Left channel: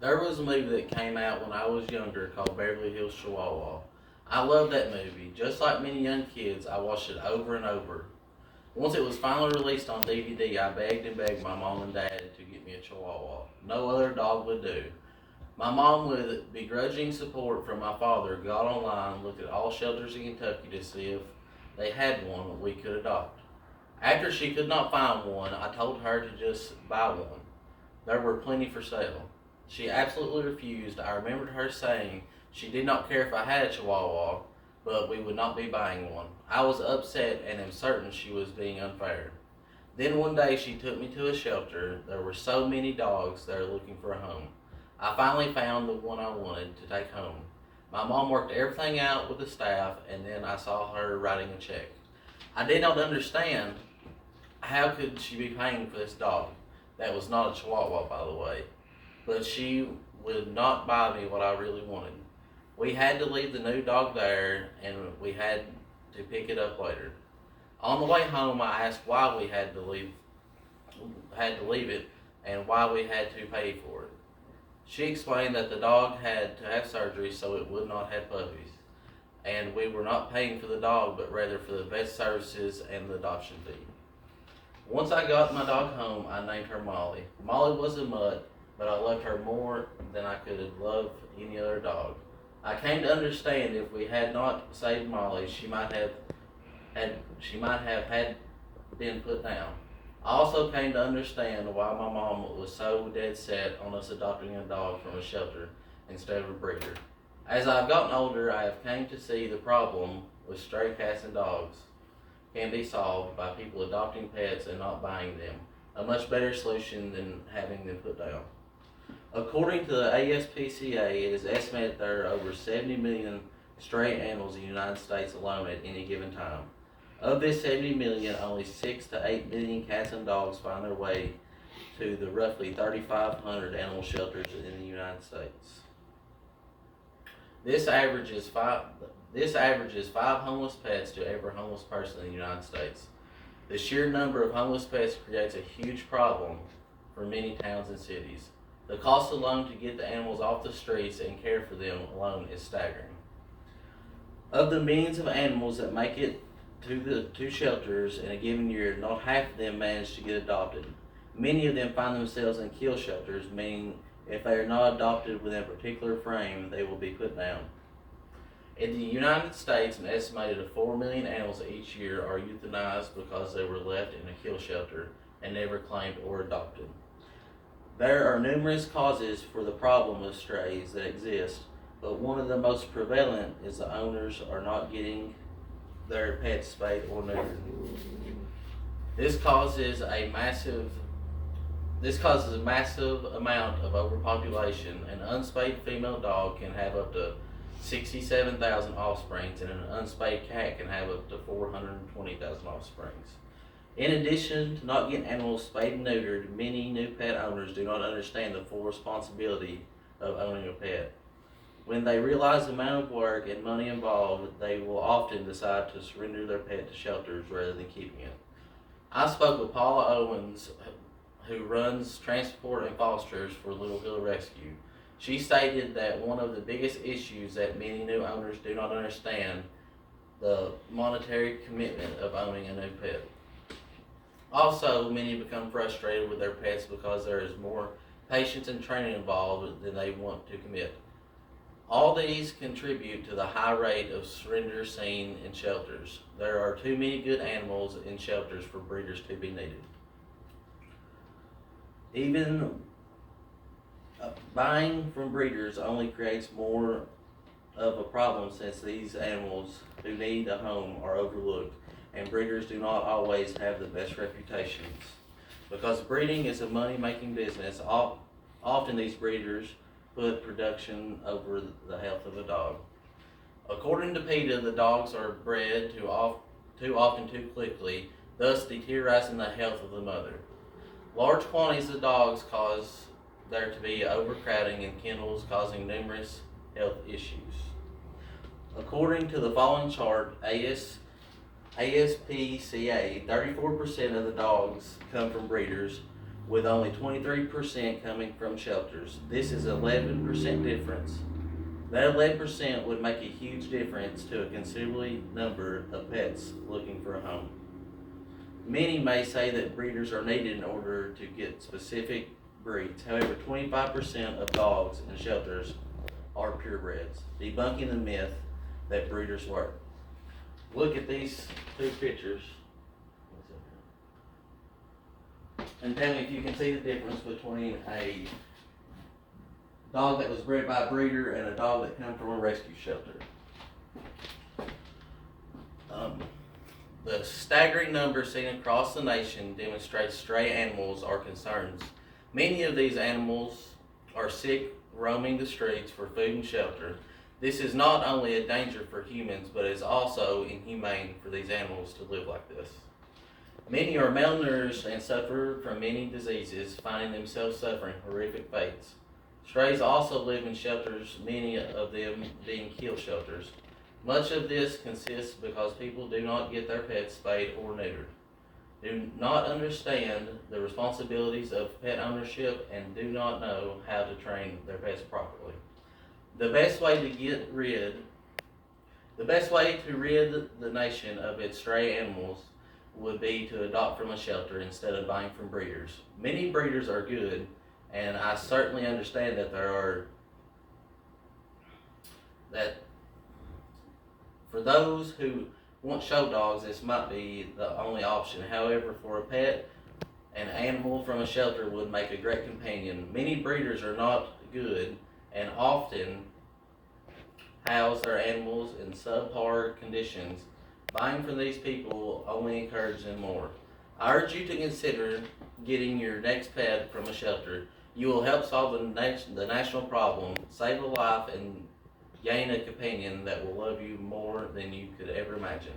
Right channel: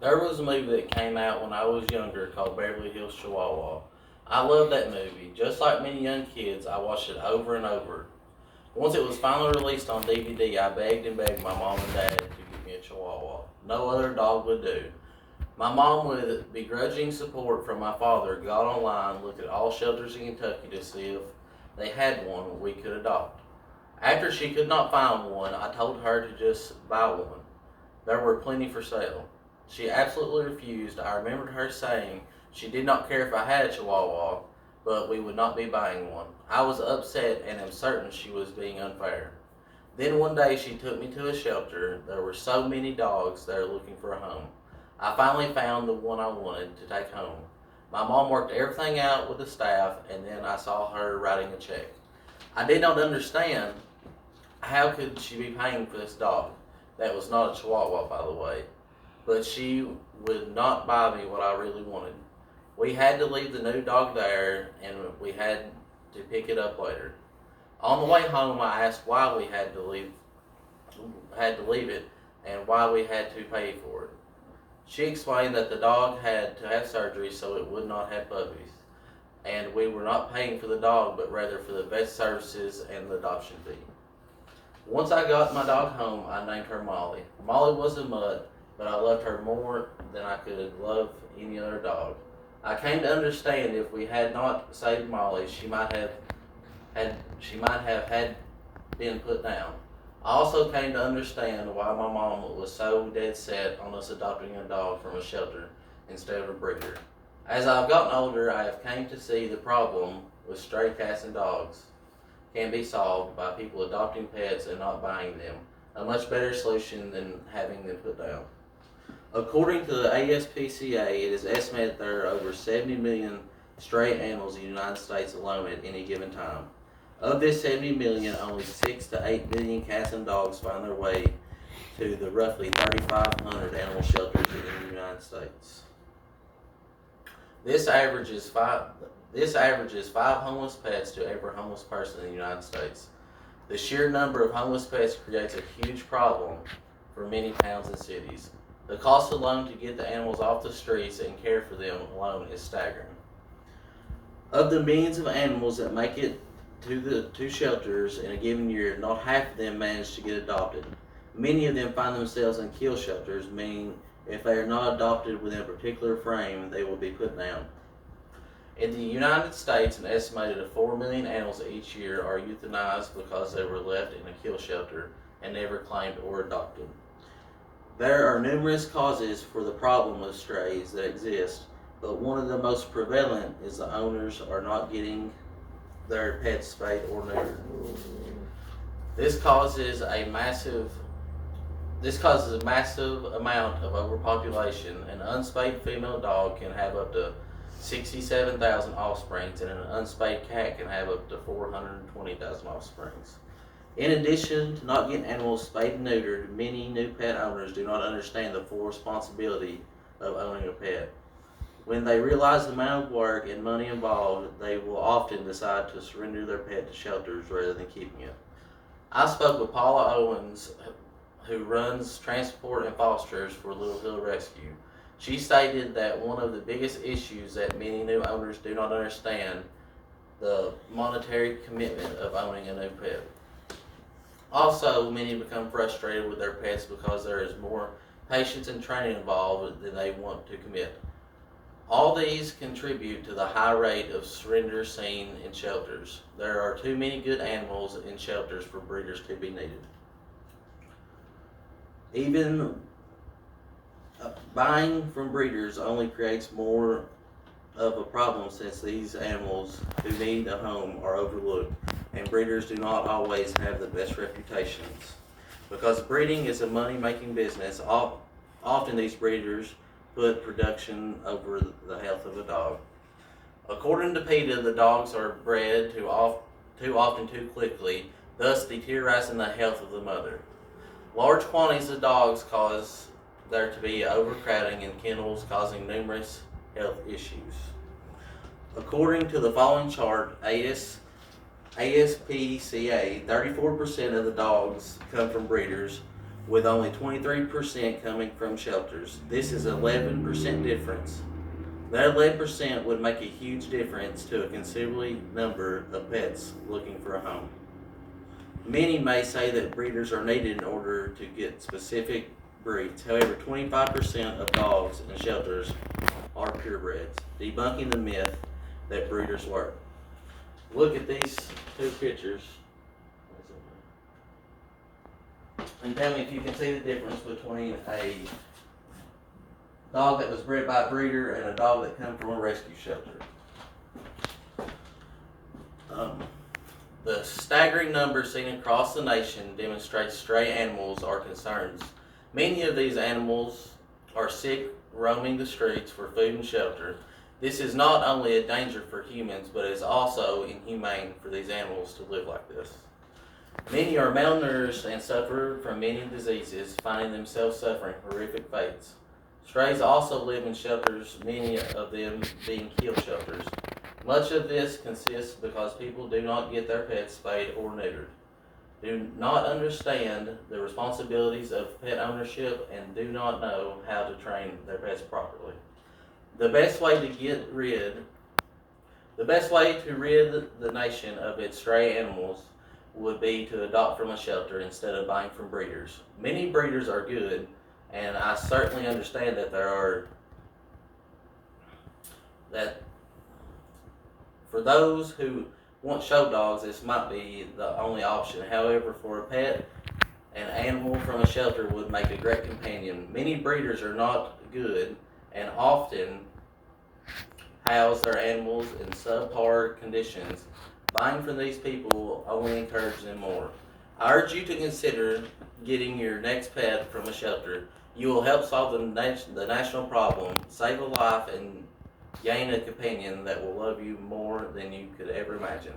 There was a movie that came out when I was younger called Beverly Hills Chihuahua. I love that movie. Just like many young kids, I watched it over and over. Once it was finally released on DVD, I begged and begged my mom and dad to get me a Chihuahua. No other dog would do. My mom, with begrudging support from my father, got online, looked at all shelters in Kentucky to see if they had one we could adopt. After she could not find one, I told her to just buy one. There were plenty for sale. She absolutely refused. I remembered her saying she did not care if I had a Chihuahua, but we would not be buying one. I was upset and am certain she was being unfair. Then one day she took me to a shelter. There were so many dogs there looking for a home. I finally found the one I wanted to take home. My mom worked everything out with the staff, and then I saw her writing a check. I did not understand how could she be paying for this dog. That was not a Chihuahua, by the way. But she would not buy me what I really wanted. We had to leave the new dog there, and we had to pick it up later. On the way home, I asked why we had to leave it and why we had to pay for it. She explained that the dog had to have surgery so it would not have puppies, and we were not paying for the dog but rather for the vet services and the adoption fee. Once I got my dog home, I named her Molly. Molly was a mutt, but I loved her more than I could love any other dog. I came to understand if we had not saved Molly, she might have had been put down. I also came to understand why my mom was so dead set on us adopting a dog from a shelter instead of a breeder. As I've gotten older, I have came to see the problem with stray cats and dogs can be solved by people adopting pets and not buying them. A much better solution than having them put down. According to the ASPCA, it is estimated there are over 70 million stray animals in the United States alone at any given time. Of this 70 million, only 6 to 8 million cats and dogs find their way to the roughly 3,500 animal shelters in the United States. This averages five homeless pets to every homeless person in the United States. The sheer number of homeless pets creates a huge problem for many towns and cities. The cost alone to get the animals off the streets and care for them alone is staggering. Of the millions of animals that make it to the two shelters in a given year, not half of them manage to get adopted. Many of them find themselves in kill shelters, meaning if they are not adopted within a particular frame, they will be put down. In the United States, an estimated 4 million animals each year are euthanized because they were left in a kill shelter and never claimed or adopted. There are numerous causes for the problem of strays that exist, but one of the most prevalent is the owners are not getting their pets spayed or neutered. This causes a massive amount of overpopulation. An unspayed female dog can have up to 67,000 offsprings, and an unspayed cat can have up to 420,000 offsprings. In addition to not getting animals spayed and neutered, many new pet owners do not understand the full responsibility of owning a pet. When they realize the amount of work and money involved, they will often decide to surrender their pet to shelters rather than keeping it. I spoke with Paula Owens, who runs transport and fosters for Little Hill Rescue. She stated that one of the biggest issues that many new owners do not understand the monetary commitment of owning a new pet. Also, many become frustrated with their pets because there is more patience and training involved than they want to commit. All these contribute to the high rate of surrender seen in shelters. There are too many good animals in shelters for breeders to be needed. Even buying from breeders only creates more of a problem since these animals who need a home are overlooked, and breeders do not always have the best reputations. Because breeding is a money-making business, often these breeders put production over the health of a dog. According to PETA, the dogs are bred too often too quickly, thus deteriorating the health of the mother. Large quantities of dogs cause there to be overcrowding in kennels, causing numerous health issues. According to the following chart, ASPCA, 34% of the dogs come from breeders, with only 23% coming from shelters. This is 11% difference. That 11% would make a huge difference to a considerable number of pets looking for a home. Many may say that breeders are needed in order to get specific breeds. However, 25% of dogs in shelters are purebreds, debunking the myth that breeders work. Look at these two pictures and tell me if you can see the difference between a dog that was bred by a breeder and a dog that come from a rescue shelter. The staggering numbers seen across the nation demonstrates stray animals are concerns. Many of these animals are sick, roaming the streets for food and shelter. This is not only a danger for humans, but is also inhumane for these animals to live like this. Many are malnourished and suffer from many diseases, finding themselves suffering horrific fates. Strays also live in shelters, many of them being kill shelters. Much of this consists because people do not get their pets spayed or neutered, do not understand the responsibilities of pet ownership, and do not know how to train their pets properly. The best way to rid the nation of its stray animals would be to adopt from a shelter instead of buying from breeders. Many breeders are good, and I certainly understand that for those who want show dogs, this might be the only option. However, for a pet, an animal from a shelter would make a great companion. Many breeders are not good and often house their animals in subpar conditions. Buying from these people only encourages them more. I urge you to consider getting your next pet from a shelter. You will help solve the national problem, save a life, and gain a companion that will love you more than you could ever imagine.